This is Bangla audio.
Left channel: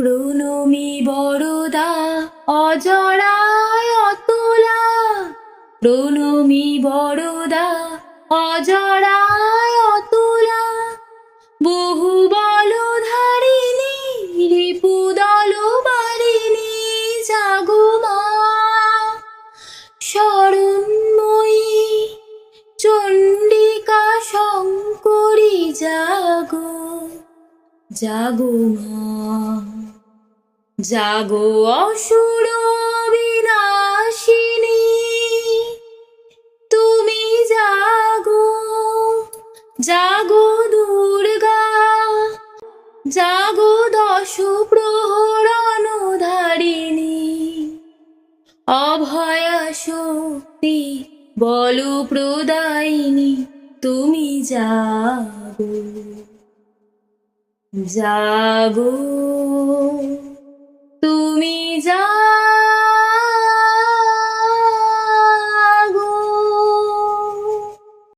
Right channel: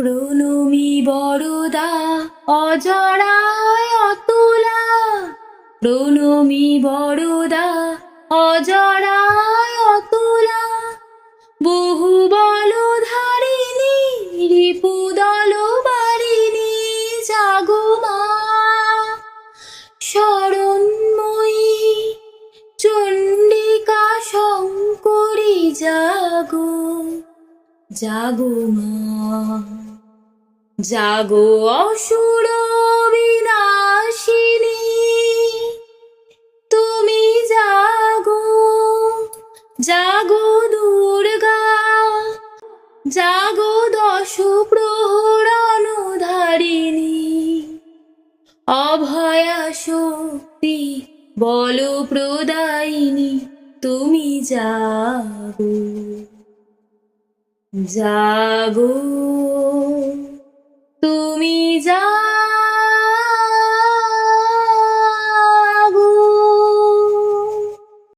প্রণমী বড়দা অজরায় অতুলা। প্রণমী বড়দা অজরায় অতুলা। বহু বল ধারিণী রিপু দল বারিণী জাগুমা শরণময়ী, চণ্ডিকা শঙ্করী, জাগো জাগো মা। জাগো অসুর বিনাশিনী তুমি জাগো জাগো দুর্গা, জাগো দশ প্রহরণ ধারিণী অভয়া শক্তি বল প্রদায়িনী তুমি জাগো। জাগো।